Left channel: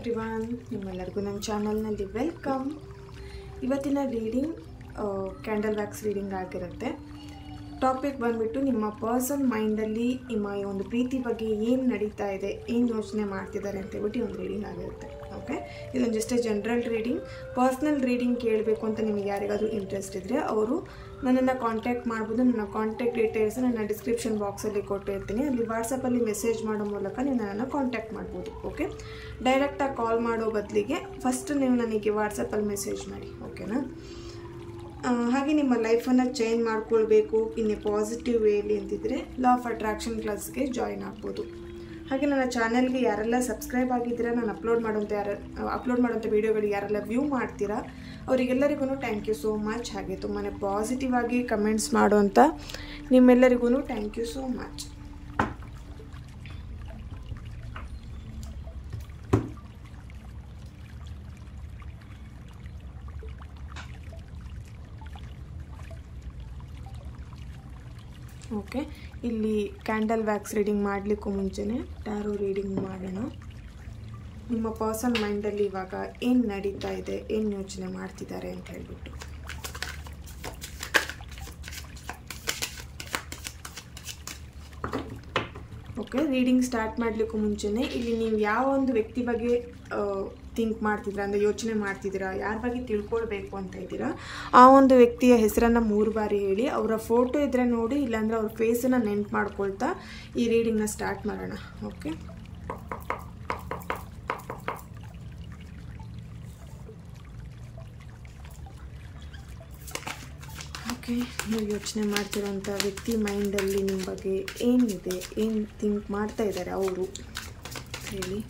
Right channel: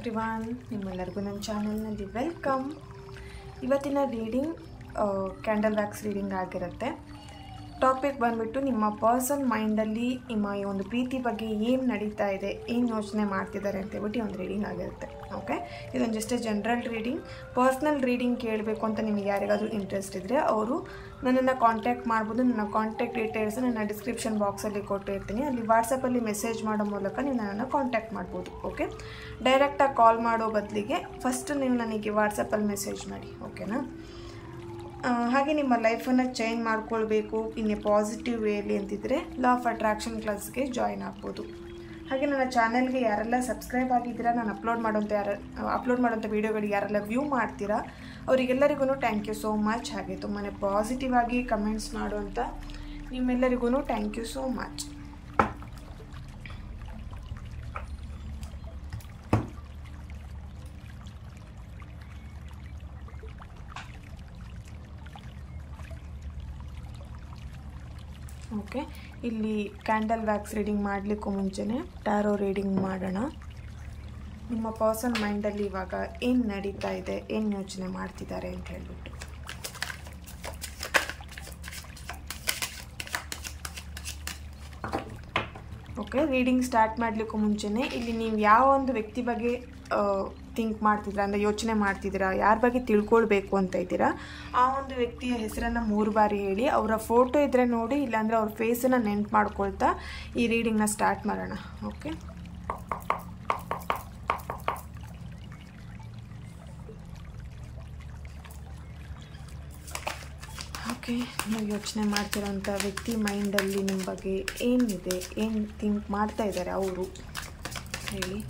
Everyone, ನಿಮ್ಮೆಲ್ಲರಿಗೂ ನನ್ನ ಚಾನಲ್ನಲ್ಲಿ ವೆಲ್ಕಮ್. ಇವತ್ತಿನ ರೀಡಿಂಗ್ ಕ್ಯಾಂಡಲ್ ವ್ಯಾಕ್ಸ್ ರೀಡಿಂಗ್ ಆಗಿರುತ್ತೆ. ಟಾಪಿಕ್ ಬಂದುಬಿಟ್ಟು ನಿಮ್ಮ ಪರ್ಸನ್ ಮೈಂಡಲ್ಲಿ ನಿಮ್ಮ ಈ ಒಂದು ಪ್ರೀತಿ ಬಗ್ಗೆ ಏನು ನಡೀತಾ ಇದೆ, ಏನು ಯೋಚನೆ ಮಾಡ್ತಿದ್ದಾರೆ ಅಂತೇಳ್ಬಿಟ್ಟು ಒಂದು ರೀಡಿಂಗ್ ಆಗಿರುತ್ತೆ. ಓಕೆ, ಇದೊಂದು just general reading. Personal reading ಕೇಳಬೇಕು ಅಂತ ನಿಮಗೆ ಯಾರಿಗಾದರೂ ಇಂಟ್ರೆಸ್ಟ್ ಇದ್ದರೆ ಅವರು ನನ್ನನ್ನು ಕಾಂಟ್ಯಾಕ್ಟ್ ಮಾಡ್ಬೋದು. ನನ್ನ ಕಾಂಟ್ಯಾಕ್ಟ್ ಡೀಟೇಲ್ಸ್ ನನ್ನ ಡಿಸ್ಕ್ರಿಪ್ಷನ್ ಬಾಕ್ಸಲ್ಲಿ ಕೊಟ್ಟಿರ್ತೀನಿ. ಅಲ್ಲಿ ವಾಟ್ಸಪ್ಪಲ್ಲಿ ಮೆಸೇಜ್ ಮಾಡೋ ಮೂಲಕ ನೀವು ನನ್ನನ್ನು ಕಾಂಟ್ಯಾಕ್ಟ್ ಮಾಡ್ಬೋದು. ಓಕೆ, ಡೈರೆಕ್ಟಾಗಿ ಕಾಲ್ ಮಾಡೋ ಬದಲಿಗೆ ಫಸ್ಟ್ ನೀವು ನನಗೆ ವಾಟ್ಸಪ್ಪಲ್ಲಿ ಮೆಸೇಜ್ ಮಾಡಿ. ಓಕೆನಾ? ಹಾಗೆ ನಿಮ್ಮ ಲೈಫನ್ನು ಚೇಂಜ್ ಮಾಡ್ಕೊಳ್ಬೇಕು ಇನ್ನು ಪಾಸಿಟಿವ್ ವೇಲಿ ಅಂತಿದ್ರೆ ಲಾ ಆಫ್ ಅಟ್ರಾಕ್ಷನ್ ಕ್ಲಾಸ್ಗೆ ಜಾಯಿನ್ ಆಗ್ಬೋದು. ಹಾಗೆ ನನ್ನ ಚಾನಲ್ಗೆ ಯಾರೆಲ್ಲ ಸಬ್ಸ್ಕ್ರೈಬ್ ಆಗಿದ್ದೀರಾ, ನಾನು ಅಪ್ಲೋಡ್ ಮಾಡೋಂಥ ವೀಡಿಯೋಗಳಿಗೆ ಯಾರೆಲ್ಲ ವ್ಯೂ ಮಾಡ್ತೀರಾ ಅವರಿಗೆಲ್ಲರಿಗೂ ಥ್ಯಾಂಕ್ ಯು ಸೋ ಮಚ್. ಹಾಗೆ ತುಂಬಾ ಪಾಸಿಟಿವ್ ಆಗಿ ಕಮೆಂಟ್ಸ್ ಮಾಡೋಂಥ ನಿಮ್ಮೆಲ್ಲರಿಗೂ thank you so much. Okay, ಇಲ್ಲಿ ಕ್ಯಾಂಡಲ್ ವ್ಯಾಕ್ಸ್ ರೀಡಿಂಗ್ ಮಾಡಲಿಕ್ಕೂ ಮುಂಚೆನೇ ಟ್ಯಾರೋ ರೀಡಿಂಗ್ ಮಾಡೋಣ. ನಿಮ್ಮ ಪರ್ಸನ್ ಮೈಂಡಲ್ಲಿ ಇವಾಗ ಏನು ನಡೀತಾ ಇದೆ, ಏನು ಯೋಚನೆ ಮಾಡ್ತಿದ್ದಾರೆ ಅಂತ ಹೇಳ್ಬಿಟ್ಟು. ಓಕೆ, ರೀಡಿಂಗ್ ಸ್ಟಾರ್ಟ್ ಮಾಡಲಿಕ್ಕೂ ಮುಂಚೆನೇ ಇಲ್ಲಿ ನೀವು ಯಾವ ಒಂದು ವ್ಯಕ್ತಿ ಬಗ್ಗೆ ಥಿಂಕ್ ಮಾಡ್ತಿದ್ದೀರಾ, ಅಂದರೆ ಯೋಚನೆ ಮಾಡ್ತಿದ್ದೀರಾ, ಯಾರ ಬಗ್ಗೆ ತಿಳ್ಕೊಳ್ಬೇಕು ಅಂತ ಇದ್ದೀರಾ, ಆ ಒಂದು ವ್ಯಕ್ತಿಯ ಹೆಸರನ್ನು 3 ಬಾರಿ ಹೇಳಿ. ಅವರ ಫೋಟೋ ಇದ್ದರೆ ನೋಡಿ, ಇಲ್ಲಾಂದರೆ ಅವ್ರ ಫೇಸನ್ನು ನೆನ್ಪು ಮಾಡ್ಕೊಳ್ತಾ ಈ ರೀಡಿಂಗ್ನ ಸ್ಟಾರ್ಟ್ ಮಾಡೋಣ. ಓಕೆ, ಓಕೆ, ನೀವು ಯೋಚನೆ ಮಾಡ್ತಿರೋಂಥ ವ್ಯಕ್ತಿ ಮೈಂಡಲ್ಲಿ ನಿಮ್ಮ ಬಗ್ಗೆ ಏನಿದೆ, ಏನು ಥಿಂಕ್ ಮಾಡ್ತಾ ಇದ್ದಾರೆ ಅವರು ಹೇಳಿ.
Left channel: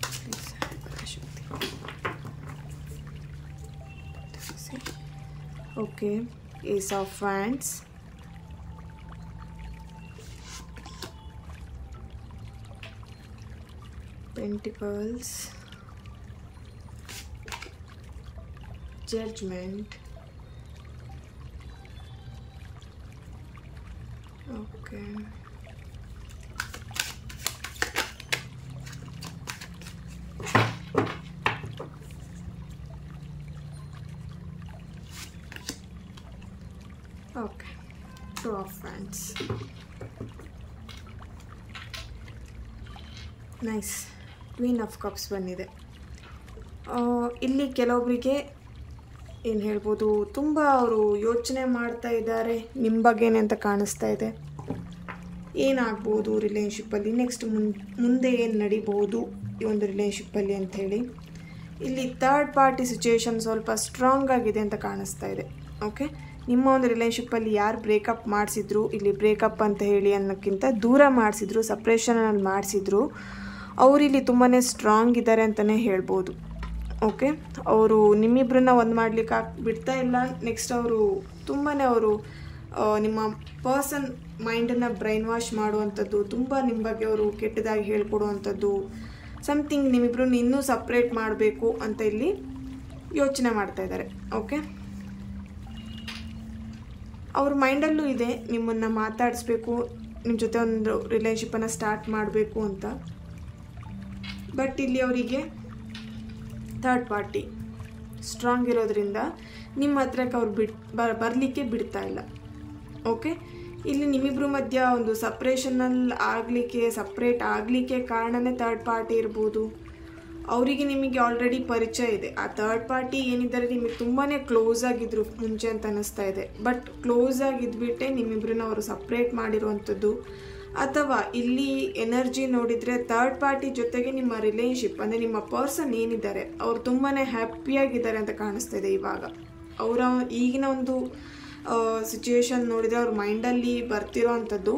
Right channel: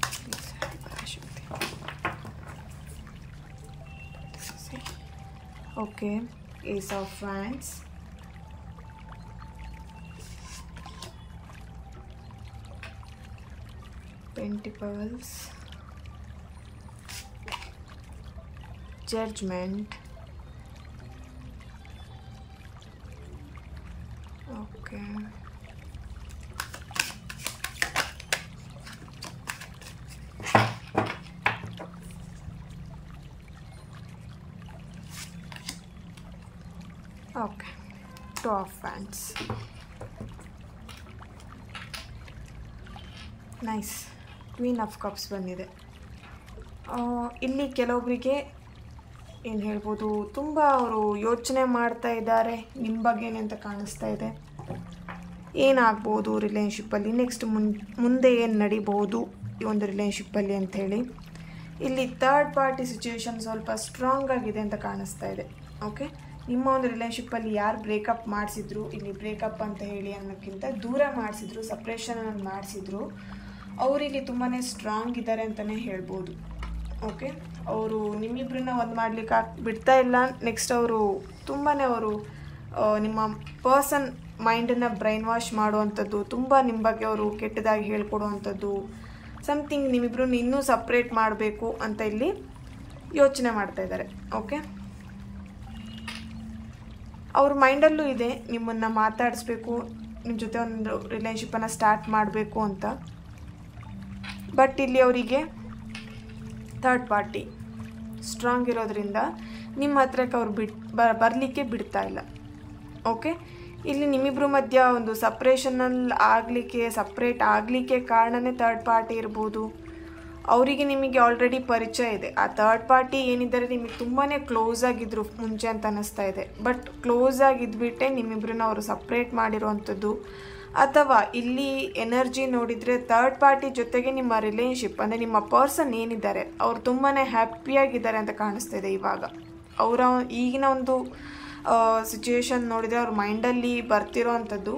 Okay, ace of wands, pentacles, judgement. Okay, okay, two of wands. Nice, queen of cups ಬಂದಿದೆ. ಇಲ್ಲಿ ಕೆಲವೊಬ್ಬರಿಗೆ ಏನು ಹೇಳ್ಬೋದು, ತುಂಬ ಅವರು ಯೋಚನೆ ಮಾಡ್ತಾ ಇದ್ದಾರೆ ನಿಮ್ಮ ಬಗ್ಗೆನೇ ಅಂತ ಕಾಣಿಸ್ತಾ ಇದೆ. ಏನಾಗ್ಬೋದು ರಿಲೇಷನ್ಶಿಪ್ಪಲ್ಲಿ, ನೆಕ್ಸ್ಟ್ ಮುಂದೆ ಏನು ನಡಿಬೋದು ಈ ಒಂದು ರಿಲೇಷನ್ಶಿಪ್ಪಲ್ಲಿ ಅಂಥೇಳಿ. ಇಲ್ಲಿ ಥರ್ಡ್ ಪಾರ್ಟಿ ಸಿಚುವೇಶನ್ ಸ್ವಲ್ಪ ಸ್ಟ್ರಾಂಗ್ ಆಗಿದೆ ಅಂತ ಕಾಣಿಸ್ತಾ ಇದೆ. ಓಕೆ, ನಿಮ್ಮ ಒಂದು ರಿಲೇಷನ್ಶಿಪ್ಪಲ್ಲಿ ಯಾರು ಬ್ರೇಕಪ್ ಮಾಡಿಸಿದ್ರು, ಇಲ್ಲಿ ಬ್ರೇಕಪ್ ಅಂತ ಹೇಳಿ ಅನ್ನೋಕ್ಕಿಂತ ದೂರ ಮಾಡಿಸಿದ್ರು, ಸಪ್ರೇಷನಲ್ಲಿ ಮಾಡಿಸಿದ್ರು, ಅವರಿಲ್ಲಿ ತುಂಬಾ ಸ್ಟ್ರಾಂಗ್ ಇದ್ದಾರೆ ಅಂತಲೇ ಹೇಳ್ಬೋದು. ಓಕೆ, ಅವರು ನಿಮ್ಮಿಬ್ಬರನ್ನ ಒಂದು ಮಾಡಲಿಕ್ಕೆ ಬಿಡ್ತಾ ಇಲ್ಲ. ನೆಕ್ಸ್ಟ್ ಅವರು ತುಂಬಾ ನಿಮ್ಮ ಪರ್ಸನ್ ಮೈಂಡನ್ನು ಬ್ರೈನ್ ವಾಶ್ ಮಾಡುವಂಥದ್ದು, ತುಂಬ ನಿಮ್ಮ ಬಗ್ಗೆ ಅವರು ಕೆಟ್ಟದಾಗಿ ಹೇಳ್ಕೊಡುವಂಥದ್ದು, ಸಮಥಿಂಗ್ ನಿಮ್ಮಿಬ್ಬರನ್ನ ಇನ್ನೂ ಸಪ್ರೇಟ್ ಮಾಡಬೇಕು ಅಂತ ಇಲ್ಲಿ ಯೋಚನೆ ಮಾಡ್ತಾ ಇದ್ದಾರೆ. ಓಕೆ, ಅವ್ರ ಮೈಂಡಲ್ಲೂ ಇದೆ ನಿಮ್ಮನ್ನು ಮಾತಾಡಿಸ್ಬೇಕು, ನಿಮ್ಮ ಜೊತೆ ಒಂದು ರಿಲೇಷನ್ಶಿಪ್ಪನ್ನು ಸ್ಟಾರ್ಟ್ ಮಾಡಬೇಕು ಅಂತ. ಬಟ್ ಇಲ್ಲಿ ಅವರಿಗೆ ಥರ್ಡ್ ಪಾರ್ಟಿ ಸ್ಟ್ರಾಂಗ್ ಇರೋದ್ರಿಂದ ನಿಮ್ಮ ಹತ್ರಕ್ಕೆ ಅವ್ರು ಬರಲಿಕ್ಕೆ ಬಿಡ್ತಾ ಇಲ್ಲ. ಓಕೆ, ಇಲ್ಲಿ ನಿಮ್ಮಿಬ್ಬರ ಮಧ್ಯ ಒಂದು ಸಪ್ರೇಟ್ ಆಗಲಿಕ್ಕೆ ಕಾರಣನೇ ಥರ್ಡ್ ಪಾರ್ಟಿ ಇರ್ಬೋದು. ಅವರಿಗೆ ನಿಮಗೆ ಆಲ್ರೆಡಿ ಪರಿಚಯ ಇದೆ. ಆ ಥರ್ಡ್ ಪಾರ್ಟಿ ಏನಿದ್ದಾರೆ ನಿಮಗೆ ತುಂಬಾ ಕ್ಲೋಸ್ ಆಗಿದ್ರು ಮುಂಚೆ ಅಂತ ಅನ್ನಿಸ್ತಾ ಇದೆ. ಬಟ್ ಕ್ಲೋಸ್ ಆಗಿದ್ಬಿಟ್ಟೆ ನಿಮ್ಮಿಬ್ಬರನ್ನ ಅವರು ಸಪ್ರೇಟ್ ಮಾಡಿರುವಂಥದ್ದು. ಅಥವಾ ಇಲ್ಲಿ ಎನರ್ಜಿ ನೋಡಿದರೆ ಥರ್ಡ್ ಪಾರ್ಟಿ ಜೊತೆಗೆ ನಿಮ್ಮ ರಿಲೇಷನ್ಶಿಪ್ ಅಂದರೆ ನಿಮ್ಮ ಪರ್ಸನ್ ಏನಿದ್ದಾರೆ ಅವರು ತುಂಬಾ ಹ್ಯಾಪಿಯಾಗಿದ್ದಾರೆ ಅಂತ ಕಾಣಿಸ್ತಾ ಇದೆ. ಇವಾಗ ಅವರ ಈಗಿನ ಒಂದು ಸಿಚುವೇಶನ್ ನೋಡಿದರೆ ಅವ್ರ ಮೈಂಡಲ್ಲಿ ಬರ್ತಿರೋ ಅಂಥದ್ದು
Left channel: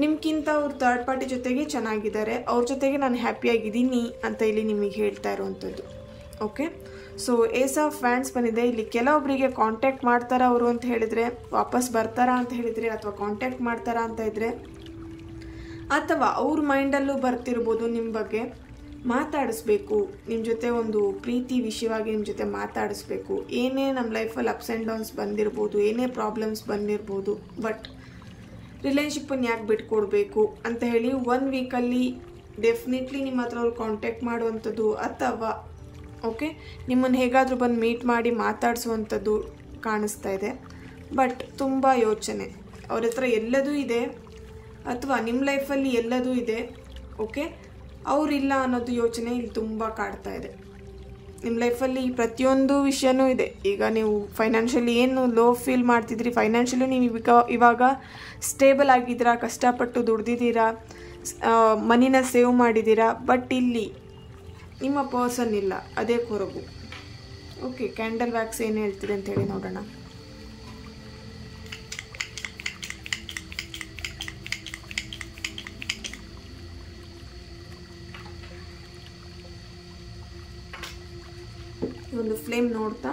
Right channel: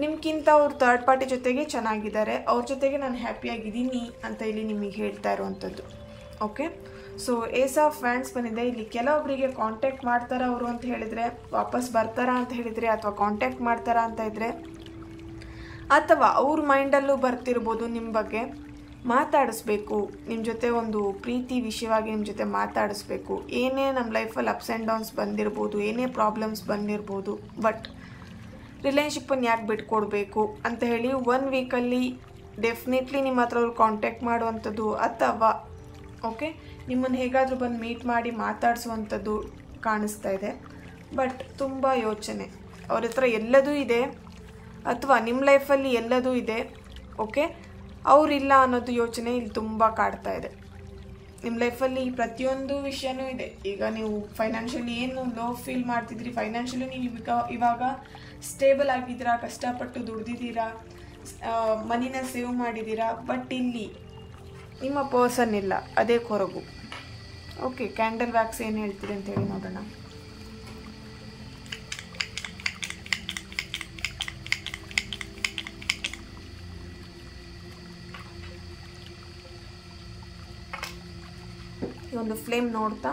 ನಿಮ್ಗಿಂತ ಅವ್ರು ಥರ್ಡ್ ಪಾರ್ಟಿ ಜೊತೆಗೆ ಚೆನ್ನಾಗಿದ್ದಾರೆ, ಅವ್ರ ಜೊತೆಗೆ ನಾನು ಹ್ಯಾಪಿಯಾಗಿದ್ದೀನಿ ಅಂತ ಇಲ್ಲಿ ನಿಮಗೆ ಹೇಳ್ತಾ ಇರುವಂಥದ್ದು. Okay, so ace of wands ಬಂದಿದೆ. ಇಲ್ಲಿ ಕೆಲವೊಬ್ಬರಿಗೆ ಕಾಂಟ್ಯಾಕ್ಟ್ ಮಾಡ್ತಾರಾ ಅವರು ಅಂತ ಹೇಳಿದರೆ, ವಾಪಸ್ ಬರ್ತಾರಾ ಅಂತ ಹೇಳಿದರೆ, ಅಥವಾ ಕಾಂಟ್ಯಾಕ್ಟ್ ಮಾಡ್ತಾರಾ ಅಂತ ಇದ್ದರೆ, ಅಥವಾ ಅವ್ರ ಮೈಂಡಲ್ಲೂ ಬರ್ತಿರ್ಬೋದು ನಿಮ್ಮ ಬಗ್ಗೆ ಮಾತಾಡಿಸ್ಬೇಕು, ನಿಮ್ಮ ಜೊತೆ ಒಂದು ಪ್ರೀತಿ ವಿಷಯವಾಗಿ ನಿಮ್ಮ ಜೊತೆ ಮಾತಾಡಿಸ್ಬೇಕು. ಏನೇ ನಮ್ಮ ಲೈಫಲ್ಲಿ ಅಪ್ಸ್ ಆ್ಯಂಡ್ ಡೌನ್ಸ್ ಬಂದಿರ್ಬೋದು, ಏನೇ ಪ್ರಾಬ್ಲಮ್ಸ್ ಬಂದಿರ್ಬೋದು, ಬಟ್ ರಿಲೇಷನ್ಶಿಪ್ಪನ್ನು ಯಾಕೆ ಬಿಟ್ಕೊಡ್ಬೇಕು ಅಂತ ಹೇಳಿ 1 ವೀಕಲ್ಲಿ ಡೆಫಿನೆಟ್ಲಿ ನಿಮ್ಮ ಹತ್ರ ಅವ್ರು ಕಾಂಟ್ಯಾಕ್ಟ್ ಮಾಡುವಂಥದ್ದು, ಅಥವಾ ಓಕೆ, ನಿಮ್ಮನ್ನು ಹೇಗಾದರೂ ಬಂದು ಮೀಟ್ ಮಾಡಿ ಮಾತಾಡಿಸುವಂಥದ್ದು ಕಾಣಿಸ್ತಾ ಇದೆ. ಬಟ್ ತುಂಬ ಯೋಚನೆ, ಅವ್ರ ಹತ್ರ ಎಲ್ಲದೂ ಇದೆ ಅಥವಾ ನಿಮ್ಮ ಲೈಫಲ್ಲಿ ಎಲ್ಲದೂ ಇದೆ. ಓಕೆ, ಅವರಿಲ್ಲ ಅನ್ನೋದು ಯೋಚನೆ ಇಲ್ಲಿ ತುಂಬ ಕಾಡ್ತಾ ಇದೆ. ನಿಮ್ಮ ಲೈಫಲ್ಲಿ ಪ್ರತಿಯೊಂದು ವಿಷಯನೂ ಇದೆ. ಈಗ ನೀವು ಫೈನಾನ್ಷಿಯಲಿ ಏನು ಲೋ ಫೀಲ್ ಮಾಡ್ತಿದ್ರಿ, ಫೈನಾನ್ಷಿಯಲಿ ನೀವು ಇವಾಗ ಸ್ಟೇಬಲ್ ಆಗಿದ್ದೀರಾ, ಕಷ್ಟಪಟ್ಟು ದುಡ್ದಿದ್ದೀರಾ, ಮನಿನ ಸೇವ್ ಮಾಡಿದ್ದೀರಾ. ಬಟ್ ಇಲ್ಲಿ ನಿಮ್ಮ ಪರ್ಸನ್ ಇಲ್ಲ, ಅದೇ ಕೊರಗು. ಓಕೆ, ಕ್ಯಾಂಡಲ್ ವ್ಯಾಕ್ಸ್ ಏನು ಹೇಳ್ತಿದೆ ಅಂತ ಹೇಳಿ ನೋಡೋಣ. ಈ ಒಂದು ಫ್ಲೇಮ್ ನೋಡ್ತಾ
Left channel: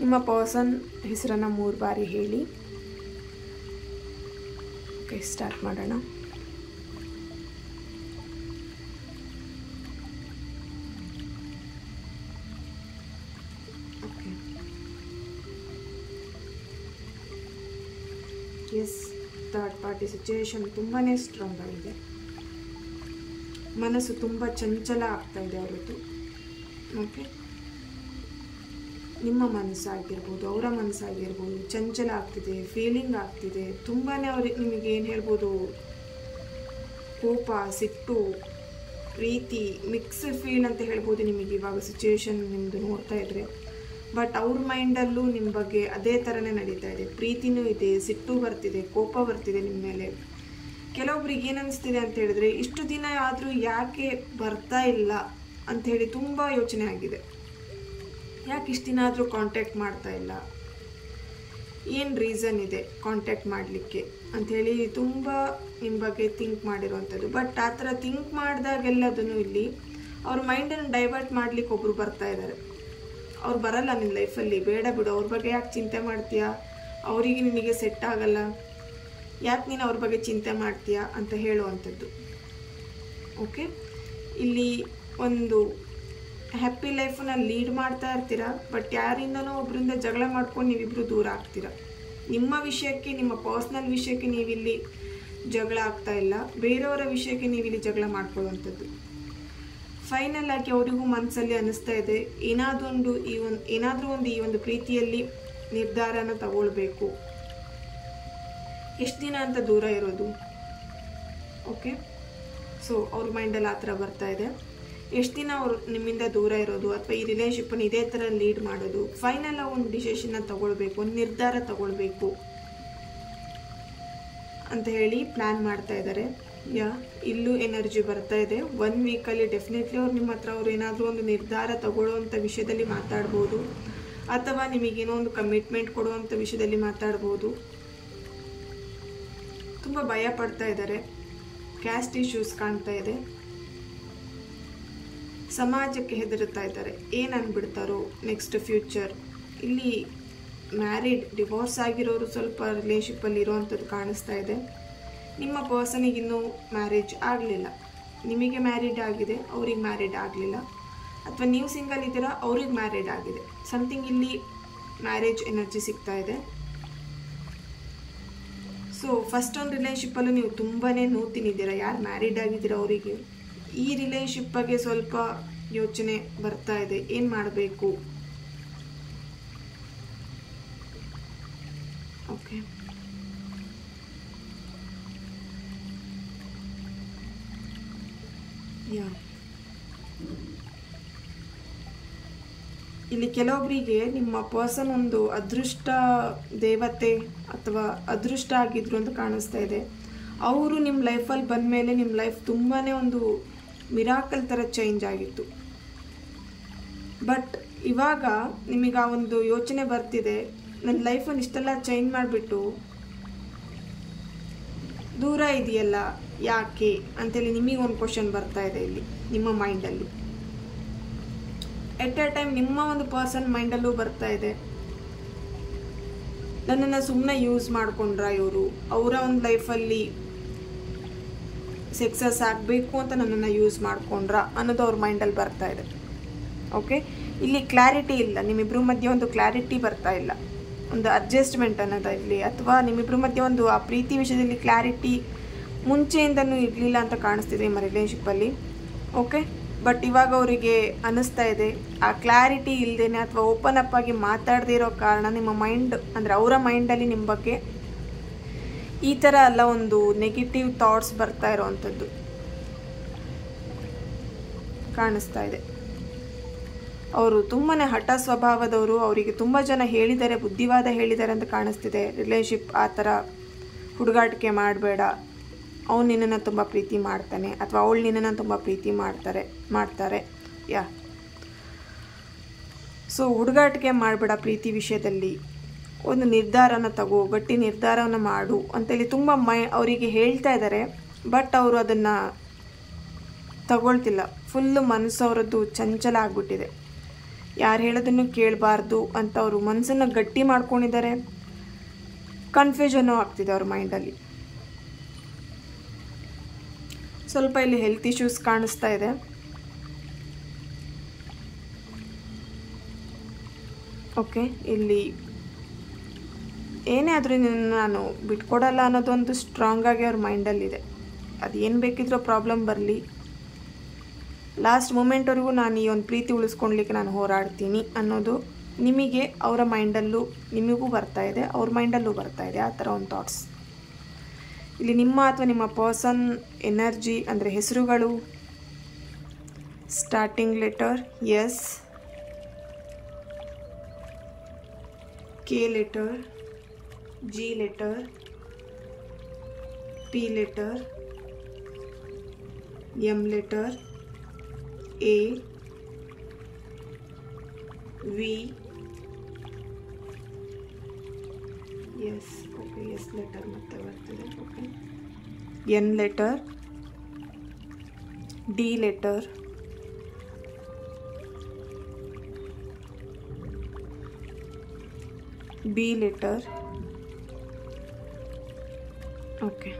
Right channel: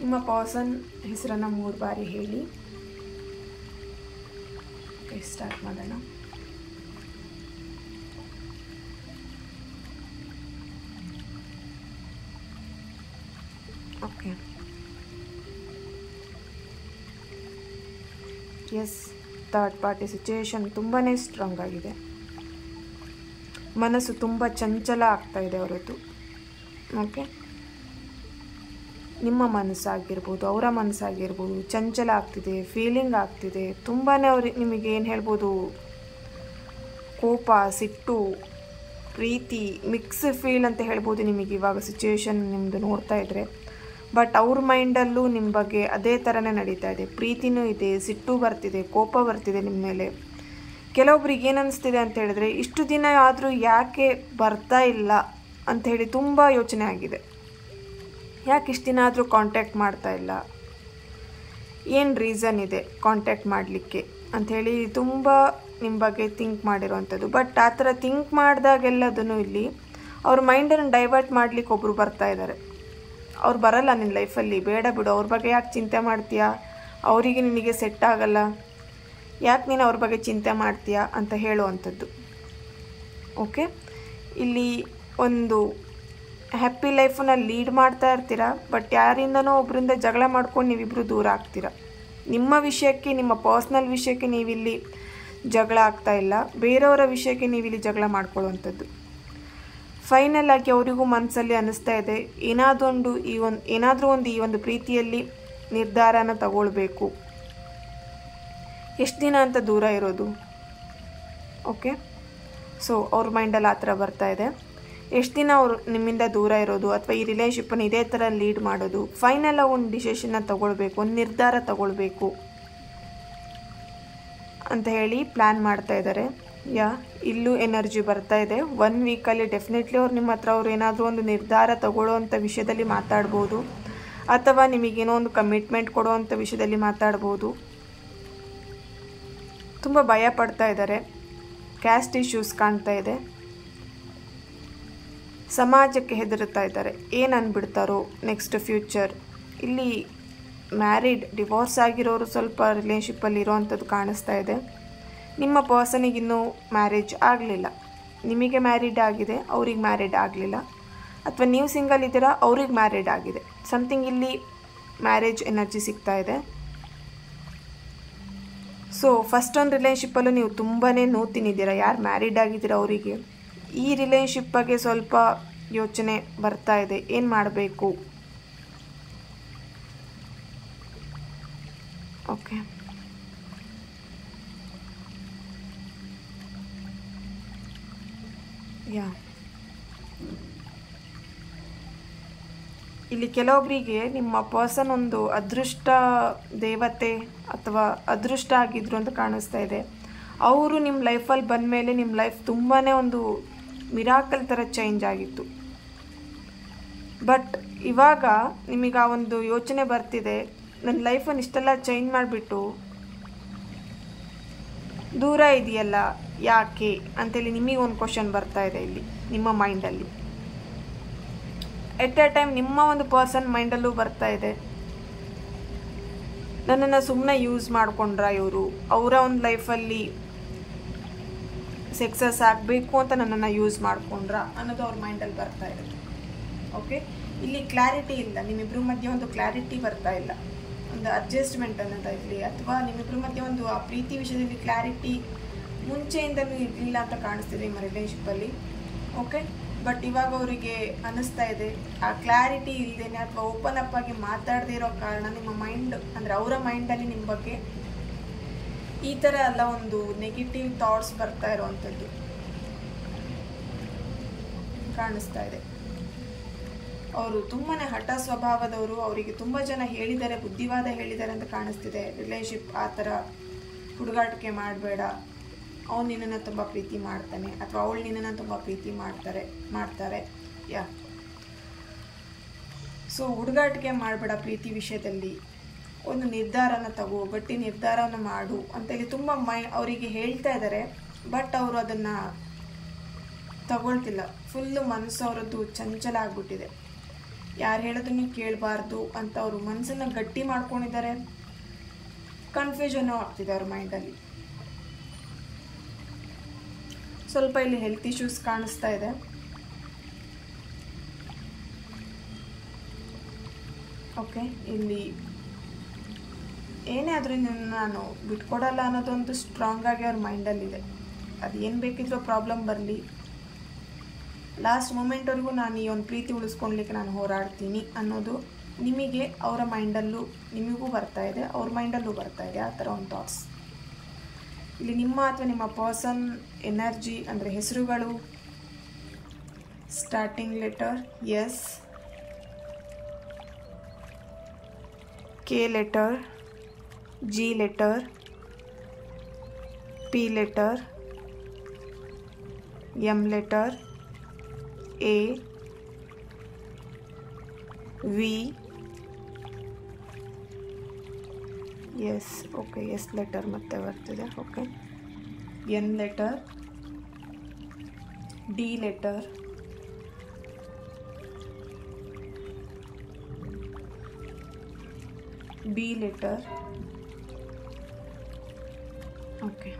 ನಿಮ್ಮ ಪರ್ಸನ್ ಹೆಸರನ್ನು 3 ಬಾರಿ ಹೇಳಿ. ಓಕೆ, ಸ್ಟಾರ್ಟ್ ಮಾಡೋಣ. Okay, yes, third party situation ತುಂಬಾ ಸ್ಟ್ರಾಂಗ್ ಆಗಿದೆ. ಮನಸ್ಸು ತುಂಬ ಚಂಚಲ ಆಗ್ತಾ ಇದೆ ಅವರದ್ದು. ಓಕೆ, ನಿಮ್ಮ ಮನಸ್ಸಾಗಿರ್ಬೋದು, ಅವರ ಮನಸ್ಸಾಗಿರ್ಬೋದು ಚಂಚಲ ಆಗ್ತಿದೆ, ಫೀಲಿಂಗ್ ಆಗ್ತಿದೆ. ತುಂಬಾ ಅವ್ರಿಗೆ ನಿಮಗೆ ಏನು ಹೇಳ್ಬೋದು, ಕೋಪ, ಸಿಟ್ಟು, ಪ್ರೀತಿ, ಮಿಕ್ಸ್ ಫೀಲ್ ಅಂತ ಹೇಳ್ಬೋದು ನಿಮಗೆ ಇವಾಗ ಸಿಚುವೇಶನ್ ನಿಮ್ಮದು ನೋಡ್ತಾ ಇದ್ದರೆ. ಬಟ್ ಅವ್ರ ಮೈಂಡಲ್ಲೂ ನಿಮ್ಮ ಬಗ್ಗೆ ಅದೇ ಥರನೇ ನಡೀತಾ ಇದೆ. ಪ್ರೀತಿನೂ ಇದೆ, ಸಿಟ್ಟು ಬರ್ತಿದೆ, ಕೋಪ ಬರ್ತಿದೆ ನಿಮ್ಮ ಮೇಲೆ. ಕೆಲವೊಬ್ರಿಗೆ ಏನು ಅನ್ನಿಸ್ತಿದೆ ಅಂತ ಹೇಳಿದ್ರೆ, ಇಷ್ಟು ದಿನ ಆದರೂ ಯಾಕೆ ಬರ್ತಾ ಇಲ್ಲ ಅಂಥೇಳಿ ತುಂಬ ಯೋಚನೆ ಆಗಿದೆ. ಯಾಕೆ ಇಷ್ಟು ದಿನ ಆದರೂ ಕಾಂಟ್ಯಾಕ್ಟ್ ಮಾಡ್ತಾ ಇಲ್ಲ, ಏನು ರೀಸನ್ ಇದೆ ಕಾಂಟ್ಯಾಕ್ಟ್ ಮಾಡಲಿಕ್ಕೆ ಅಂಥೇಳಿ ತುಂಬ ನಿಮ್ಮ ಬಗ್ಗೆ ಥಿಂಕ್ ಮಾಡಿರೋವಂಥದ್ದು. ಬಟ್ ಆ ಥರ ಥಿಂಕ್ ಮಾಡಿದಾಗೆಲ್ಲದನ್ನು ಇಲ್ಲಿ ಅವ್ರ ಮೈಂಡನ್ನು ಡೈವರ್ಟ್ ಮಾಡಲಿಕ್ಕೆ ಒಬ್ಬರು ಬರ್ತಾ ಇದ್ದಾರೆ. ಅವ್ರು ಬರಲ್ಲ ನಿನ್ನ ಲೈಫಲ್ಲಿ, ಬೇಡ ಬಿಡು, ಅವ್ರ ಬಗ್ಗೆ ಯಾಕೆ ಚಿಂತೆ ಮಾಡ್ತೀಯಾ, ಅವರಿಗೆ ನಿನಗೆ ಸೆಟ್ ಆಗಲ್ಲ, ಯಾಕೆ ನೀನು ಅವ್ರ ಬಗ್ಗೆ ಚಿಂತೆ ಮಾಡ್ತೀಯಾ ಅಂತ ಹೇಳುವಂಥದ್ದು. ಓಕೆ, ಇಲ್ಲಿ ಒಂದು ಹ್ಯಾಪಿ ಲೈಫನ್ನ ಲೀಡ್ ಮಾಡ್ತಾ ಇರ್ತೀರಾ. ಬಟ್ ಯಾರಿಂದನೋ ಒಬ್ಬರಿಂದ ಜಗಳ ಮಾಡ್ಕೊಂಡು ನೀವಿಬ್ಬರು ದೂರ ಆಗ್ತೀರಾ. ನಿಮ್ಮ ವಿಷಯಕ್ಕೆ, ನಿಮ್ಮ ಪರ್ಸ್ನಲ್ ವಿಷಯಕ್ಕೆ ನೀವಿಲ್ಲಿ ಜಗಳ ಆಗ್ತಾ ಇಲ್ಲ, ಬೇರೆಯವರ ವಿಷಯಕ್ಕೆ ನೀವಿಲ್ಲಿ ಜಗಳ ಮಾಡ್ಕೊಳ್ಳುವಂಥದ್ದು. ಫೈನಲ್ ಆಗಿ ಅವರಿಗೂ ಮನಸ್ಸಲ್ಲಿ ಅನ್ನಿಸ್ತಾ ಇದೆ, ಏನಾದರೂ ಒಂದು ಈ ಒಂದು ಪ್ರೀತಿಯಲ್ಲಿ ನಿರ್ಧಾರನ ತಗೊಳ್ಬೇಕು. ಎಷ್ಟು ದಿನ ಅಂತ ದೂರ ಇರೋದು. ಓಕೆ, ಸೊ ಅವ್ರ ಮೈಂಡಲ್ಲಿ ಆ ಥರ ಬರ್ತಾ ಇದೆ. ಎಷ್ಟು ದಿನ ಅವರು ನಿಮ್ಮಿಂದ ದೂರ ಇರೋದು ಅಥವಾ ಈ ರಿಲೇಷನ್ಶಿಪ್ಪನ್ನು ಇದೇ ಥರ ಲೀಡ್ ಮಾಡೋದು. ಫೈನಲ್ ಒಂದು ಡಿಸಿಷನ್ನ ತಗೊಳ್ಬೇಕು, ಒಂದು ನಿರ್ಧಾರ ತಗೊಳ್ಬೇಕು ಅಂತ ಹೇಳಿ ಪ್ಲ್ಯಾನ್ ಮಾಡ್ತಾ ಇದ್ದಾರೆ. ಇಲ್ಲೂ ಎನರ್ಜಿ ಬರ್ತಾ ಇದೆ. 1 ವೀಕಲ್ಲಿ ಡೆಫಿನೆಟ್ಲಿ ಅವ್ರು ನಿಮ್ಮ ಹತ್ರ ಅವ್ರು ಏನಾದರೂ ಒಂದು ನಿರ್ಧಾರ ತಗೊಳ್ಳೋವಂಥ ವಿಷಯದಲ್ಲಿ ಮಾತಾಡ್ಬೋದು, ಅಥವಾ ನಿಮಗೇನೋ ಒಂದು ಕಮಿಟ್ಮೆಂಟ್ ಕೊಡುವಂಥ ವಿಷಯದಲ್ಲಿ ಮಾತಾಡ್ಬೋದು. ತುಂಬ ಭಯ ಪಡ್ತಾ ಇದ್ದಾರೆ. ಕ್ಯಾಸ್ಟ್ ಇಶ್ಯೂಸ್ ಕಾಣ್ತಾ ಇದೆ. ಸಮಾಜಕ್ಕೆ ಹೆದರುತ್ತಾ ಇದ್ದಾರೆ, ಏನು ಅಂದ್ಬಿಡ್ತಾರೋ ನೆಕ್ಸ್ಟ್ ಫ್ಯೂಚರ್. ಇಲ್ಲಿ ಮ್ಯಾರಿಡ್, ಡಿವೋರ್ಸ್ ಆಗಿರೋರು ಸ್ವಲ್ಪ ರಿಲೇಷನ್ಶಿಪ್ಪಲ್ಲಿ ಇರೋವಂಥದ್ದು ಕಾಣಿಸ್ತಾ ಇದೆ. ನಿಮ್ಮ ಪರ್ಸನಿಗಿನ್ನೂ ಮ್ಯಾರೇಜ್ ಆಗಲಿಲ್ಲ, ನಿಮಗೆ ಮ್ಯಾರಿಡ್ ಆಗಿದೆ, ಅವ್ರಿಗೆ ಮ್ಯಾರಿಡ್ ಆಗಲಿಲ್ಲ. ಅಥವಾ ನೀವು ಸಿಂಗಲ್ ಇದ್ದೀರಾ, ಅವ್ರಿಗೆ ಮ್ಯಾರಿಡ್ ಆಗಿದೆ. ಸಮಥಿಂಗ್ ಇಲ್ಲಿ ಮ್ಯಾರೇಜ್ ಎನರ್ಜಿ ಸಿಗ್ತಾ ಇದೆ. ಸೊ ಫಸ್ಟ್ ಒಂದು ರಿಲೇಷನ್ಶಿಪ್ಪಲ್ಲೂ ನೀವು ತುಂಬಾ ನೋಡ್ತಿದ್ದೀರಾ, ಯಾರು ಮ್ಯಾರಿಡ್ ಆಗಿದ್ದೀರಾ ಅವರಿಗೆ. ಈ ರಿಲೇಷನ್ಶಿಪ್ ಬಗ್ಗೆ ಸ್ವಲ್ಪ ಯೋಚನೆ ಬರ್ತಾ ಇದೆ, ಏನು ಮಾಡಬೇಕು. ಓಕೆ, ಇಲ್ಲಿ ಕೆಲವೊಬ್ಬರಿಗೆ ನಿಮ್ಮ ಪರ್ಸನ್ ಒಂದು ಅದೃಷ್ಟ ದೇವತೆ ಅಥವಾ ಅದೃಷ್ಟ ಆಗಿದ್ರು ಅಂತ ಕಾಣಿಸ್ತಾ ಇದೆ. ಅವರು ನಿಮ್ಮ ಲೈಫಲ್ಲಿ ಬಂದ ಮೇಲೆ ನಿಮ್ಮ ಲೈಫ್ ತುಂಬಾ ಒಂದು ಮಿರಾಕಲ್ ಥರ ಚೇಂಜ್ ಆಗಿತ್ತು. ಬಟ್ ಇವಾಗ ನಿಮಗೆ ಆ ಒಂದು ಯೋಚನೆ ಬರ್ತಿದೆ, ನನ್ನ ಲೈಫನ್ನು ಇಷ್ಟೆಲ್ಲ ಚೇಂಜ್ ಮಾಡಿಬಿಟ್ಟು ದೂರ ಇದೆಯಲ್ಲ ಯಾಕೆ ಅಂತೇಳಿ ನಿಮಗೆ ಒಂದು ಕ್ವಶನ್ ಬರ್ತಾ ಇದೆ ಇಲ್ಲಿ ನಿಮ್ಮ ಮೈಂಡಲ್ಲಿ. ಎಟ್ ಎ ಟೈಮ್ ನಿಮ್ಮ ಒಂದು ಪರ್ಸನ್ ಮೈಂಡಲ್ಲೂ ಬರ್ತಾ ಇದೆ, ನನ್ನನ್ನು ಸುಮ್ಮನೆ ಯೂಸ್ ಮಾಡ್ಕೊಂಡ್ರ ಇವರು, ಅವರ ಒಂದು ಲೈಫಲ್ಲಿ ಸಕ್ಸಸ್ ಆಗಬೇಕು ಅಂತ ನನ್ನನ್ನು ಯೂಸ್ ಮಾಡ್ಕೊಂಡ್ರ ಅನ್ನೋದು ಅವ್ರ ಮೈಂಡಲ್ಲಿ ಬರ್ತಾ ಇದೆ. ಓಕೆ, ಇಲ್ಲಿ ಕ್ಲಾರಿಟಿ ಇಲ್ಲ, ನಿಮ್ಮಿಬ್ಬರ ಮಧ್ಯೆ ಒಂದು ಕ್ಲಾರಿಟಿ ಬರ್ತಾ ಇಲ್ಲ, ಒಂದು ಅಡ್ಜಸ್ಟ್ಮೆಂಟ್ ಅನ್ನೋದು ಇಲ್ಲಿ, ಅಥವಾ ನಿಮ್ಮಿಬ್ಬರ ಮಧ್ಯೆ ಒಂದು ಆ ಪ್ರೀತಿ ವಿಷಯದಲ್ಲಿ ಕ್ಲಾರಿಟಿ ಮುಂಚೆಯಿಂದನೂ ಇರಲಿಲ್ಲ ಅಂತ ಕಾಣಿಸ್ತಿದೆ ನಿಮ್ಮ ರಿಲೇಷನ್ಶಿಪ್ಪಲ್ಲಿ. ಓಕೆ, ಬಟ್ ಇವಾಗ ಅವರಿಗೆ ಅನ್ನಿಸ್ತಾ ಇದೆ ಆ ಕ್ಲಾರಿಟಿ ಇಲ್ಲದೇನೆ ಅಥವಾ ಓಪನ್ ಅಪ್ ಆಗಿ ಮಾತಾಡದೇ ಇರೋ ಕಾರಣ ನಿಮ್ಮ ಮೈಂಡ್ ಅಂದರೆ ಅವರ ಮೈಂಡಲ್ಲಿ ನಿಮ್ಮ ಬಗ್ಗೆ ಈ ಥರ ಎಲ್ಲ ಒಂದು ನೆಗೆಟಿವ್ ಥಾಟ್ಸ್ ಬರ್ತಾ ಇರೋವಂಥದ್ದು ಕಾಣಿಸ್ತಾ ಇದೆ. ಅವರು ತುಂಬಾ ಹಠ ಸ್ವಭಾವದವರು. ಅವರಿಗೆ ತುಂಬ ಜನ ಹೇಳಿದ್ದಾರೆ, ಬುದ್ಧಿವಾದ ಹೇಳಿದ್ದಾರೆ ಅಂತ ಕಾಣಿಸ್ತಿದೆ. ರಿಲೇಶನ್ಶಿಪ್ ಆ ಥರ ಹುಡುಗಾಟಿಕೆ ಮಾಡಬೇಡ, ಅವನು ನಿನ್ನನ್ನು ತುಂಬ ಪ್ರೀತಿ ಮಾಡ್ತಾನೆ ಅಥವಾ ಅವಳು ನಿನ್ನನ್ನು ತುಂಬ ಪ್ರೀತಿ ಮಾಡ್ತಾರೆ ಯಾ. ಸೊ ಹುಡುಗಾಟಿಕೆ ಮಾಡಬೇಡ ಪ್ರೀತಿ ವಿಷಯದಲ್ಲಿ, ಒಂದು ನಿರ್ಧಾರನ ತಗೋ, ಗಟ್ಟಿ ನಿರ್ಧಾರವನ್ನು ಮಾಡು ಅಂತೇಳಿ ತುಂಬ ಅವರಿಗೆ ಹೇಳ್ತಾ ಇದ್ದಾರೆ. ಬಟ್ ಅವರು ಅದನ್ನು ತಗೊಳ್ತಿಲ್ಲ. ಫುಲ್ಲು ಮನಸ್ಸು ಅವರದ್ದು ಚಂಚಲ ಆಗಿಬಿಟ್ಟಿದೆ. ಯಾರು ಹೇಳೋದನ್ನು ಕೇಳಬಾರ್ದು ಅಂತ ಅವರು ಮನಸ್ಸನ್ನು ಗಟ್ಟಿ ಮಾಡ್ಕೊಂಡಿದ್ದಾರೆ. ಕನ್ಫ್ಯೂಷನ್ನು ಆಗ್ತಿದೆ ಅವ್ರ ಮೈಂಡಲ್ಲಿ. ಸ್ವಲ್ಪ ಇಲ್ಲಿ ಹೆಲ್ತ್ ಇಶ್ಯೂಸ್ ಕಾಣಿಸ್ತಾ ಇದೆ. ಓಕೆ, ಇಲ್ಲಿ ಏನೇ ಆದರೂ ನಾನು ಬಿಟ್ಕೊಡಲ್ಲ ಅನ್ನೋದೊಂದು ಸ್ಟ್ರಾಂಗ್ ಆಗಿ ಅವ್ರ ಮೈಂಡಲ್ಲಿದೆ. ಅದು ಏನು ಬೇಕಿದ್ರೂ ಪ್ರಾಬ್ಲಮ್ ಬರಲಿ, ಲಾಸ್ಟ್ ಮೂಮೆಂಟ್ವರೆಗೂ ನಾನು ಈ ಒಂದು ಪ್ರೀತಿ ಉಳಿಸ್ಕೊಳ್ಲಿಕ್ಕೆ ನಾನು ಹೋರಾಡ್ತೀನಿ ಅನ್ನೋದು ನಿಮಗೆ ಅವರ ಮೈಂಡಲ್ಲೂ ನಿಮಗೂ ಬರ್ತಾ ಇದೆ, ಅವ್ರ ಮೈಂಡಲ್ಲೂ ಬರ್ತಾ ಇದೆ ಆ ಥರ ಒಂದು ಥಾಟ್ಸ್. ಇಲ್ಲಿ ನಿಮ್ಮ ಅಥವಾ ನಿಮ್ಮ ಪರ್ಸನ್ ಎನರ್ಜಿ ಅಂದರೆ ಹೆಸರುಗಳು starting letter S, K letter, G letter, P letter, M letter, A, V, S. Okay, S letter ಮತ್ತೆ ಬರ್ತಿದೆ. Okay, N letter, D letter, B letter. Okay,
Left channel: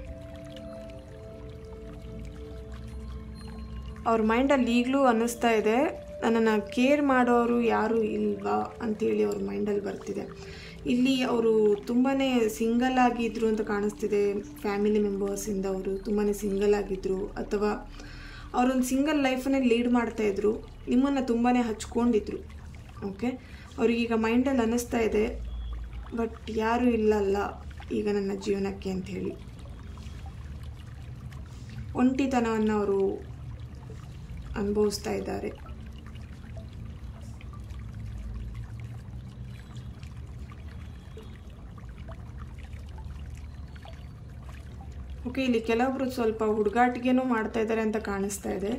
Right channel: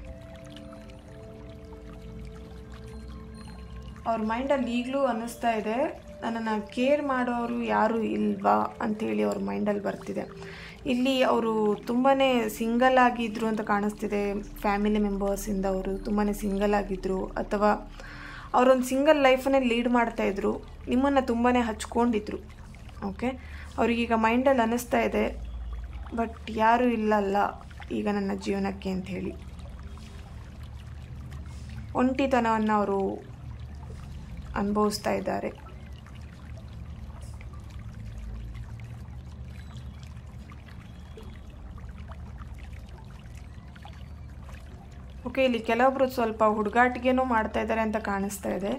ಅವ್ರ ಮೈಂಡಲ್ಲಿ ಈಗಲೂ ಅನ್ನಿಸ್ತಾ ಇದೆ ನನ್ನನ್ನು ಕೇರ್ ಮಾಡೋರು ಯಾರೂ ಇಲ್ವಾ ಅಂಥೇಳಿ ಅವ್ರ ಮೈಂಡಲ್ಲಿ ಬರ್ತಿದೆ. ಇಲ್ಲಿ ಅವರು ತುಂಬಾ ಸಿಂಗಲ್ ಆಗಿದ್ದರು ಅಂತ ಕಾಣಿಸ್ತಿದೆ. ಫ್ಯಾಮಿಲಿ ಮೆಂಬರ್ಸಿಂದ ಅವರು ತುಂಬಾ ಸಿಂಗಲ್ ಆಗಿದ್ದರು ಅಥವಾ ಅವರೊಂದು ಸಿಂಗಲ್ ಲೈಫನ್ನೇ ಲೀಡ್ ಮಾಡ್ತಾಯಿದ್ರು, ನಿಮ್ಮನ್ನು ತುಂಬಾ ಹಚ್ಕೊಂಡಿದ್ರು. ಓಕೆ, ಅವ್ರಿಗೀಗ ಮೈಂಡಲ್ಲಿ ಅನ್ನಿಸ್ತಾ ಇದೆ ಬಟ್ ಯಾರೂ ಇಲ್ಲಲ್ಲ ಈಗ ನನ್ನ ಜೀವನಕ್ಕೆ ಅಂಥೇಳಿ. ಒಂಟಿತನವನ್ನು ಅವರು ಅನುಭವಿಸ್ತಾ ಇದ್ದಾರೆ. ಓಕೆ, ಇಲ್ಲಿ ಕೆಲವೊಬ್ರು ಸ್ವಲ್ಪ ಹುಡುಗಾಟಿಗೆನೂ ಮಾಡ್ತಾ ಇದ್ದಾರೆ ಅಂತ ಕಾಣಿಸ್ತಾ ಇದೆ.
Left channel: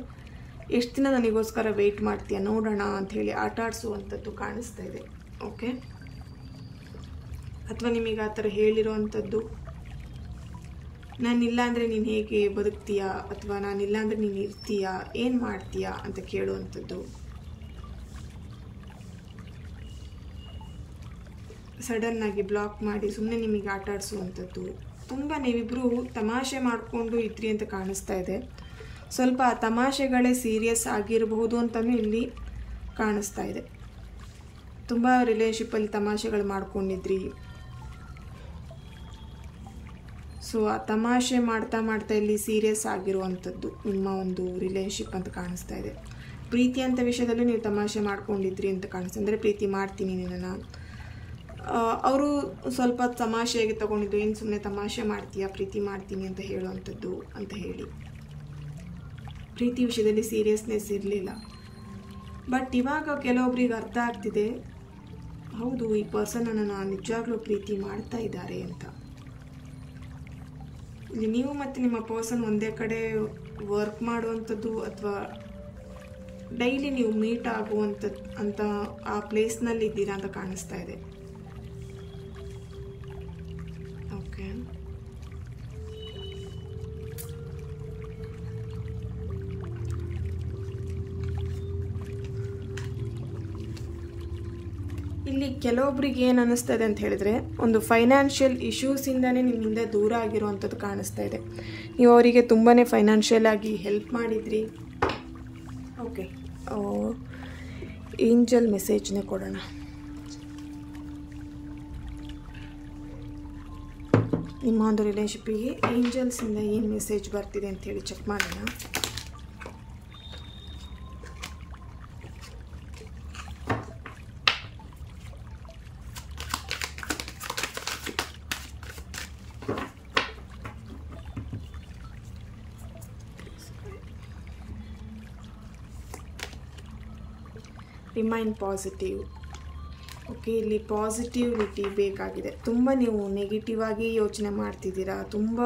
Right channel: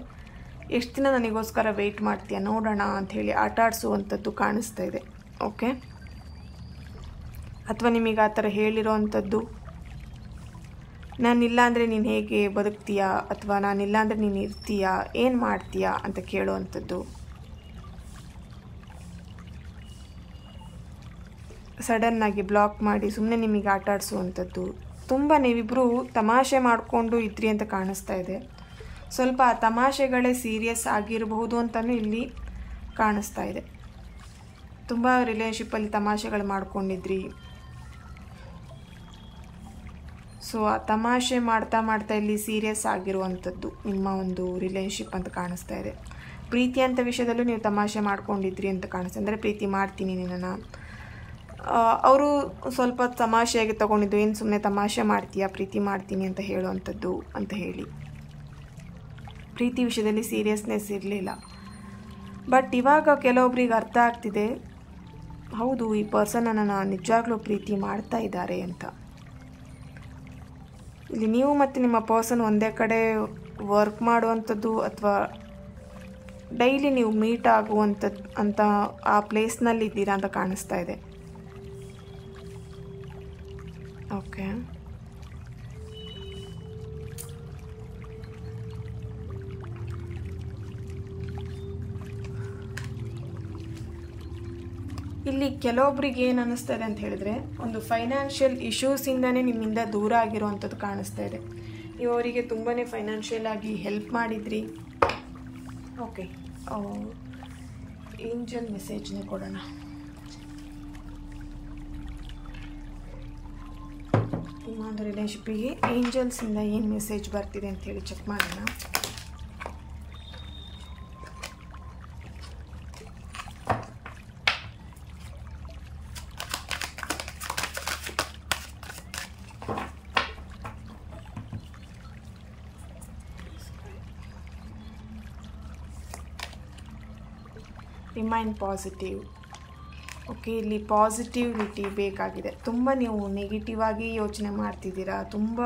ಎಷ್ಟು ದಿನ ನನಗೋಸ್ಕರ ವೆಯ್ಟ್ ಮಾಡ್ತೀಯ ನೋಡೋಣ ಅಂಥೇಳಿ ಆಟ ಆಡಿಸುವಂಥದ್ದು ಕಾಣಿಸ್ತಾ ಇದೆ. ಓಕೆ, ಅಥವಾ ನಿಮಗೆ ಆ ಥರ ಹೇಳಿರೋ ಅಂಥದ್ದು ನಾನಿಲ್ಲ ಅಂದರೆ ನೀನು ಹೇಗೆ ಬದುಕ್ತೀಯಾ ಅಥವಾ ನಾನಿಲ್ಲ ಅಂದರೆ ನೀನು ಇರ್ತೀಯಾ, ಏನು ಮಾಡ್ತೀಯಾ ಅಂತ ಕೇಳುವಂಥದ್ದು. ಸಡನ್ನಾಗಿ ಬ್ಲಾಕ್ ಮಾಡಿ ಸುಮ್ಮನೆ ನಿಮಗೆ ಆಟ ಆಡಿಸುವಂಥದ್ದು. ತುಂಬ ನೀವಿಬ್ಬರು ತಮಾಷೆ ಮಾಡಿಕೊಂಡು ಇದ್ರಿ ಅಂತ ಕಾಣಿಸ್ತಾ ಇದೆ. ಸ್ವಲ್ಪ ಆ ತಮಾಷೆಗಳೇ ಸೀರಿಯಸ್ ಆಗಿರಬಹುದು ಅಂತಲೂ ಇಲ್ಲಿ ಕಾಣಿಸ್ತಾ ಇದೆ. ತುಂಬ ರಿಲೇಶನ್ಶಿಪ್ಪಲ್ಲಿ ತಮಾಷೆಗಳು ಮಾಡ್ಕೊಂಡಿದ್ರಿ. ಸೊ ಆ ತಮಾಷೆ ಮಾಡ್ತಾ ಮಾಡ್ತಾ ಇಲ್ಲಿ ಸೀರಿಯಸ್ ಆಗಿರುವಂಥದ್ದು ನಿಮ್ಮ ಒಂದು ರಿಲೇಶನ್ಶಿಪ್ ಅಂತ ಕಾಣಿಸ್ತಾ ಇದೆ. ಪ್ರೀತಿ ಅಂತ ವಿಷಯದಲ್ಲೂ ನೀವು ತಮಾಷೆ ಮಾಡ್ಕೊಂಡಿದ್ರಿ ಅಂತ ಕಾಣಿಸ್ತಾ, ಅಂದರೆ ಪ್ರೀತಿ ಮಾಡ್ತೀನಿ ನಿನ್ನನ್ನು. ಅವರು ಸ್ವಲ್ಪ ತಮಾಷೆಯಾಗಿ ತೊಗೊಂಡಿದ್ದು, ಏನು ಸುಮ್ಮನೆ ತಮಾಷೆ ಮಾಡ್ತೀಯಾ ಪ್ರೀತಿ ಮಾಡ್ತೀನಿ ಅಂತ ಹೇಳುವಂಥದ್ದು ಅಂತ ಹೇಳಿ. ಪ್ರೀತಿ ವಿಷಯದಲ್ಲಿ ಸೀರಿಯಸ್ನೆಸ್ ಇರಲಿಲ್ಲ. ಬಟ್ ಇವಾಗ ಕೆಲವೊಬ್ರಿಗೆ ಅರ್ಥ ಆಗ್ತಿದೆ, ಹೌದು ಈ ಪರ್ಸನನ್ನು ನಿಜವಾಗ್ಲೂ ಪ್ರೀತಿ ಮಾಡ್ತಾ ಇದ್ದಾರೆ ಅಂತ. ಇಲ್ಲಿ ನೀವು ಮತ್ತು ನಿಮ್ಮ ಪರ್ಸನ್ ಒಂದೇ ಕಡೆ ವರ್ಕ್ ಮಾಡುವಂಥದ್ದು ಅಥವಾ ಡೈಲಿ ನೀವು ಮೀಟ್ ಆಗುವಂಥದ್ದು ಅಂತ ಆ ಪ್ಲೇಸ್ನಲ್ಲಿ ಇದ್ದೀರಾ ಅಂತ ಕಾಣಿಸ್ತಾ ಇದೆ. ಓಕೆ, ಇಲ್ಲಿ ಕೆಲವೊಬ್ರಿಗೆ ಏನು ಅನ್ನಿಸ್ತಾ ಇದೆ ಅಂತ ಹೇಳಿದ್ರೆ, ಒಂದು ಫೈನಾನ್ಷಿಯಲ್ ಇಶ್ಯೂಸಿಂದನೇ ನಿಮ್ಮಿಂದ ದೂರ ಆಗಿರುವಂಥದ್ದು ಕಾಣಿಸ್ತಾ ಇದೆ. ನೀವು ಅವರಿಗೆ ತುಂಬಾ ಫೈನಾನ್ಷಿಯಲ್ ಆಗಿ ಹೆಲ್ಪ್ ಮಾಡಿದ್ರಿ. ಓಕೆ, ಏಂಜಲ್ ಮೆಸೇಜ್ನೇ ಕೊಡೋಣ. ನಿಮ್ಮ ಒಂದು ರಿಲೇಶನ್ಶಿಪ್ಪಿಗೆ ಏಂಜಲ್ಸಿಂದ ಏನು ಮೆಸೇಜ್ ಬರ್ತಿದೆ ಅಂಥೇಳಿ ಚೆಕ್ ಮಾಡೋಣ. Remain positive. ಓಕೆ, ಇಲ್ಲಿ ಪಾಸಿಟಿವಿಟಿ ಬೇಕಾಗಿದೆ. ತುಂಬ ನೀವು ನೆಗೆಟಿವ್ ಆಗಿ ಯೋಚನೆ ಮಾಡ್ತಿದ್ದೀರಾ, ತುಂಬ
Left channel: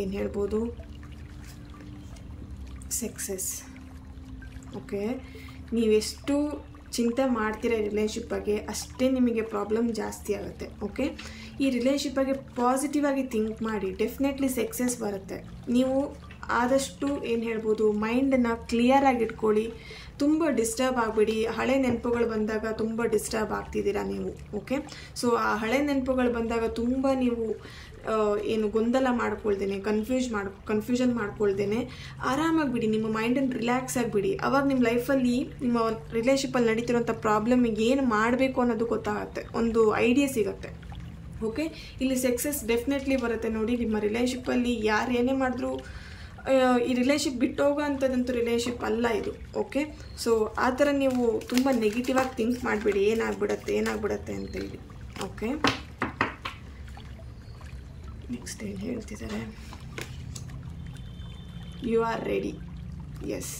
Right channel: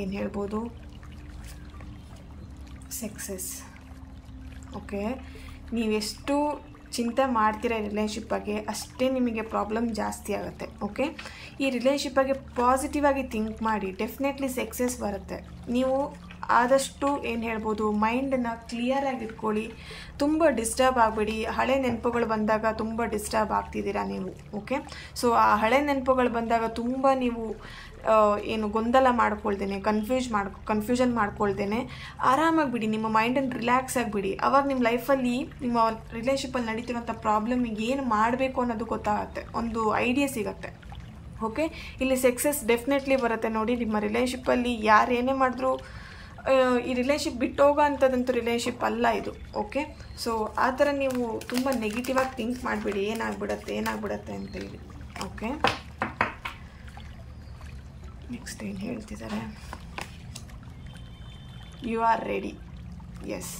ಏನು ಹೇಳ್ಬೋದು, ಸಕ್ಸಸ್. ಓಕೆ, ನೀವೆಷ್ಟು ಚಿಂತೆ ಮಾಡ್ತೀರಾ ರಿಲೇಶನ್ಶಿಪ್ ಬಗ್ಗೆ ಅಷ್ಟೇ ನಿಮಗೆ ಪ್ರಾಬ್ಲಮ್ ಜಾಸ್ತಿ ಆಗುತ್ತೆ. ಓಕೆ, ಈ ರಿಲೇಶನ್ಶಿಪ್ ಬಗ್ಗೆ ಪಾಸಿಟಿವ್ ಆಗಿ ಥಿಂಕ್ ಮಾಡಿ, ಡೆಫಿನೆಟ್ಲಿ ಸಕ್ಸಸ್ ಬರುತ್ತೆ. ನೀವು ಆದಷ್ಟು ಏನು ಹೇಳ್ಬೋದು, ಮೈಂಡನ್ನು ಕ್ಲಿಯರಾಗಿ ಇಟ್ಕೊಳ್ಳಿ, ತುಂಬ ಡಿಸ್ಟರ್ಬ್ ಆಗಬೇಡಿ. ಹಳೆ ನೆನಪುಗಳು ಬಂದಾಗ ತುಂಬ ಡಿಸ್ಟರ್ಬ್ ಆಗ್ತಿದ್ದೀರಾ ನೀವು. ಓಕೆ, ಸೊ ಆ ಹಳೆ ನೆನಪುಗಳು ಬಂದಾಗ ತುಂಬ ನೀವು ಏನು ಗೊಂದಲ ಮಾಡ್ಕೊಳ್ದೇನೆ, ಕನ್ಫ್ಯೂಷನ್ ಮಾಡ್ಕೊಳ್ದೇನೆ ಆರಾಮಾಗಿ ಬಿಡಿ, ನಿಮ್ಮ ಮೈಂಡನ್ನು ರಿಲ್ಯಾಕ್ಸ್ ಆಗಿಬಿಡಿ. ಆವಾಗ ನಿಮ್ಮ ಲೈಫಲ್ಲಿ ನಿಮ್ಮ ರಿಲೇಶನ್ಶಿಪ್ಪಲ್ಲಿ ನಡೀತಿರೋಂಥ ಪ್ರಾಬ್ಲಮಿಗೆ ಏನು ಮಾಡಬೇಕು ಅನ್ನೋದು ಗೊತ್ತಾಗುತ್ತೆ, ಒಂದು ಐಡಿಯಾ ಸಿಗುತ್ತೆ. ಓಕೆ, ಇಲ್ಲಿ ಸಕ್ಸಸ್ ಡೆಫಿನೆಟ್ಲಿ ಬರುತ್ತೆ. ನೋಡಿ, ನಿಮ್ಮ ರಿಲೇಶನ್ಶಿಪ್ಪಲ್ಲಿ ಯಾರು ಏನೇ ಮಾಡಿದ್ರು ಈ ರಿಲೇಶನ್ಶಿಪ್ ಬಿಟ್ಟೋಗೋ ಅಂಥದ್ದಂತೂ ರಿಲೇಶನ್ಶಿಪ್ ಅಲ್ಲ ಇದು. ಓಕೆ, ಸೊ ಆ ಥರ ನೀವು ತುಂಬ ನೆಗೆಟಿವ್ ಆಗಿ ಥಿಂಕ್ ಮಾಡಿಬಿಡಿ, ಏನಾಗ್ಬಿಡುತ್ತೆ ಅಂತೇಳಿ. ಓಕೆ, ನೆಕ್ಸ್ಟ್ ಏನು ಹೇಳ್ತಿದ್ದಾರೆ, you are ready. Yes,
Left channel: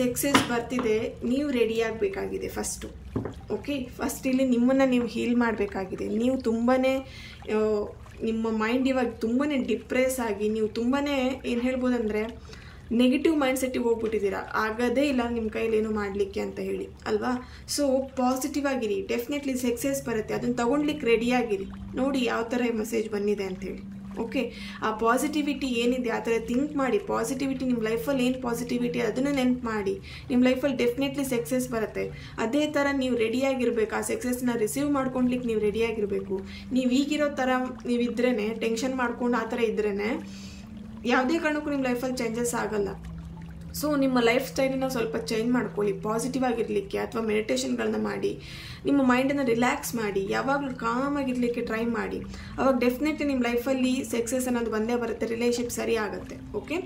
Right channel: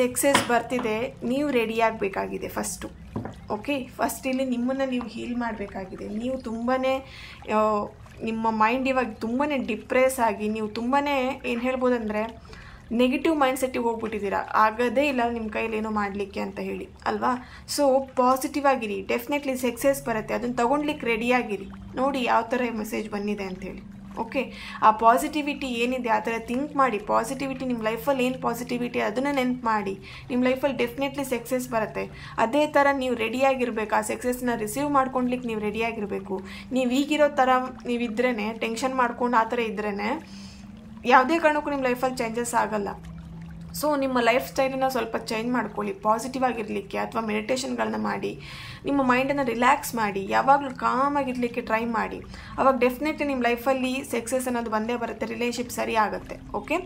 success ಬರ್ತಿದೆ, ನೀವು ರೆಡಿ ಆಗಬೇಕಾಗಿದೆ ಫಸ್ಟು. ಓಕೆ, ಫಸ್ಟ್ ಇಲ್ಲಿ ನಿಮ್ಮನ್ನು ನೀವು ಹೀಲ್ ಮಾಡಬೇಕಾಗಿದೆ. ನೀವು ತುಂಬಾ ನಿಮ್ಮ ಮೈಂಡ್ ಇವಾಗ ತುಂಬಾ ಡಿಪ್ರೆಸ್ ಆಗಿ ನೀವು ತುಂಬಾ ಏನು ಹೇಳ್ಬೋದಂದರೆ ನೆಗೆಟಿವ್ ಮೈಂಡ್ಸೆಟ್ಟಿಗೆ ಹೋಗ್ಬಿಟ್ಟಿದ್ದೀರಾ, ಆಗೋದೇ ಇಲ್ಲ ನಿಮ್ಮ ಕೈಲಿ ಏನೋ ಮಾಡಲಿಕ್ಕೆ ಅಂತ ಹೇಳಿ ಅಲ್ವಾ. ಸೊ ಪಾಸಿಟಿವ್ ಆಗಿರಿ, ಡೆಫಿನೆಟ್ಲಿ ಸಕ್ಸಸ್ ಬರುತ್ತೆ, ಅದನ್ನು ತೊಗೊಂಡ್ಲಿಕ್ಕೆ ರೆಡಿಯಾಗಿರಿ. ನೋಡಿ ಯಾವ ಥರ ಮೆಸೇಜ್ ಬಂದಿದೆ ಅಂಥೇಳಿ. ಓಕೆ, ಆ ಪಾಸಿಟಿವಿಟಿ ಏನಿದೆ ಆ ಥರ ಥಿಂಕ್ ಮಾಡಿ. ಪಾಸಿಟಿವಿಟಿ ನಿಮ್ಮ ಲೈಫಲ್ಲಿ ಏನು ಪಾಸಿಟಿವಿಟಿ ಅದನ್ನು ನೆನ್ಪು ಮಾಡಿ, ನಿಮ್ಮ ಲೈಫಲ್ಲಿ ಡೆಫಿನೆಟ್ಲಿ ಸಕ್ಸಸ್ ಬರುತ್ತೆ. ಅದೇ ಥರ ನೀವು ರೆಡಿಯಾಗಿರ್ಬೇಕು, ಆ ಸಕ್ಸಸ್ನ ರಿಸೀವ್ ಮಾಡ್ಕೊಳ್ಲಿಕ್ಕೆ ನೀವು ರೆಡಿಯಾಗಿರಬೇಕು. ನೀವು ಈಗಿರೋ ಥರ ನೀವಿದ್ರೇ, ಟೆನ್ಷನ್ ಮಾಡ್ಕೊಂಡು ಆ ಥರ ಇದ್ರೇ ಯಾವುದೇ ಕಾರಣಕ್ಕೂ ನಿಮ್ಮ ಲೈಫಲ್ಲಿ ಚೇಂಜಸ್ ಆಗಲ್ಲ. ಸೊ ನಿಮ್ಮ ಲೈಫ್ ಸ್ಟೈಲನ್ನು ಸ್ವಲ್ಪ ಚೇಂಜ್ ಮಾಡ್ಕೊಳ್ಳಿ, ಪಾಸಿಟಿವ್ ಆಗಿರಲಿಕ್ಕೆ, ಅಥವಾ ಮೆಡಿಟೇಷನ್ಗಳನ್ನ ಮಾಡಿ, ನಿಮ್ಮ ಮೈಂಡನ್ನು ರಿಲ್ಯಾಕ್ಸ್ ಮಾಡಿ, ಯಾವಾಗಲೂ ಕಾಮಾಗಿರಲಿಕ್ಕೆ ಟ್ರೈ ಮಾಡಿ. ಅವಾಗ ಡೆಫಿನೆಟ್ಲಿ ನಿಮ್ಮ ಲೈಫಲ್ಲಿ ಸಕ್ಸಸ್ ಅನ್ನೋದು ಬಂದೇ ಬರುತ್ತೆ, ರಿಲೇಶನ್ಶಿಪ್ ಸರಿ ಆಗುತ್ತೆ. ಓಕೆ,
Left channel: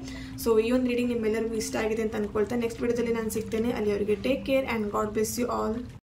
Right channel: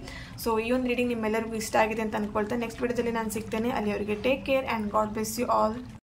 ಸೊ ಈ ಒಂದು ರೀಡಿಂಗ್ ನಿಮ್ಮೆಲ್ಲರಿಗೂ ಇಷ್ಟ ಆಗಿದೆ ಅಂತ ಅಂದ್ಕೊಳ್ತಾ ನೆಕ್ಸ್ಟ್ ವಿಡಿಯೋದಲ್ಲಿ ನಾನು ಸಿಗ್ತೇನೆ. ಅಲ್ಲಿವರೆಗೆ take care and God bless you all.